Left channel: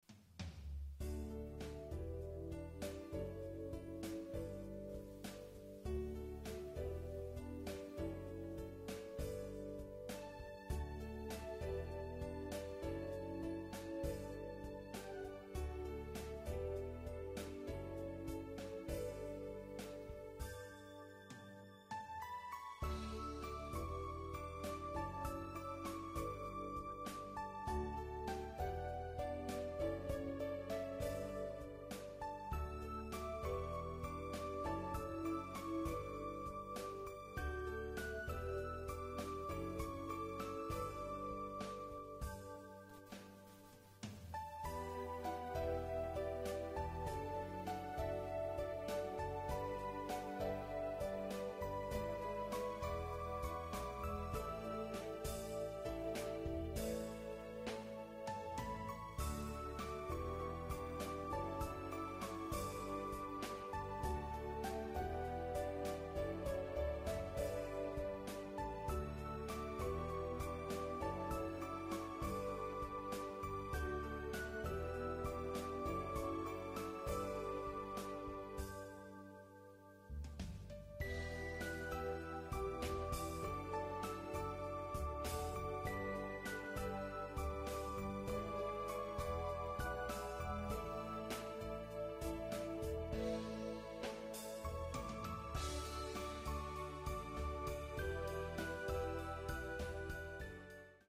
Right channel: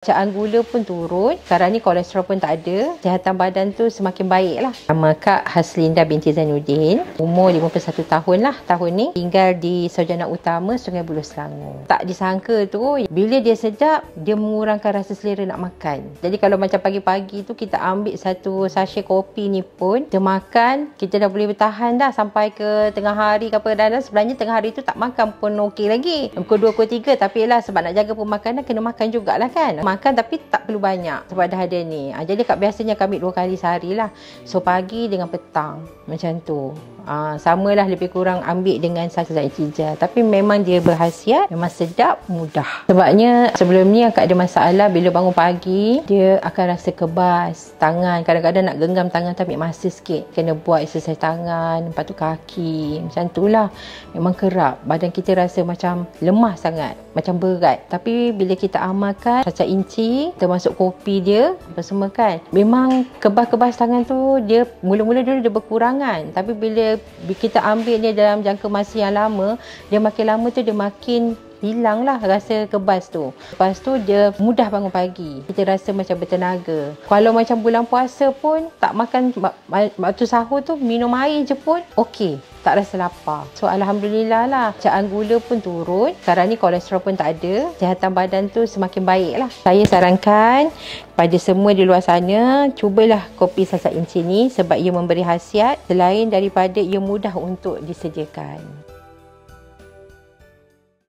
Bacaan gula pun turun. Sekarang ni kolesterol pun tak ada. Kesihatan badan tu semakin baik lah. Nama Kak Haslinda binti Zainuddin. Umur 51 tahun lah tahun ni. Tinggal di Sarjana Utama, Sungai Buloh, Selangor. Tak disangka tu, bila dia sedap, dia mengurangkan rasa selera nak makan. Jadi kalau macam pagi-pagi tu kita ambil satu sachet kopi ni pun, kita makan, kita dah boleh bertahan dah sampai ke tengah hari ke apa. Dan sebenarnya tengah hari tu tak makan pun okey lagi. Pukul 2, pukul 3. Tapi lah sebab nak jaga pemakanan, kena makan jugalah kan. Makan tapi tak perlu banyak sebab dah ada ni. Jadi biasanya kami 2 kali sehari lah. So pagi dengan petang macam tu. Samalah lebih kurang ambil dengan satu zat cijal. Tapi memang dia berkhasiat, memang sedap, mudah. Sebabnya sebelum ni akak ada masalah bila bangun pagi, dia akan rasa kebas tangan. Kadang-kadang nak genggam tangan tu ambil masa sikit. Kena buat exercise tangan, lepas tu kaki. Macam tu lah. Memang kerap. Badan kita rasa macam lemah sangat. Macam berat. Tapi bila kita amalkan cacah inci, termasuk kopi dia, apa semua kan, memang kebas-kebas tangan tu dia mula-mula dulu dia berkurangan. Tapi bila kita ambil dia dalam jangka masa yang lama, dia makin lama tu dia makin hilanglah rasa kebas tu. Lepas tu dia mudah bangun pagi. Kita rasa macam bertenaga. Kalau macam bulan puasa pun tak makan waktu sahur tu, minum air je pun okey. Tak rasa lapar. So alhamdulillah lah. Bacaan gula pun turun. Sekarang ni kolesterol pun tak ada. Kesihatan badan tu semakin baik lah. Saya sarankan pada semua di luar sana, cubalah kopi sasak inci ni sebab ia memberi khasiat selain daripada ia mudah untuk disediakan.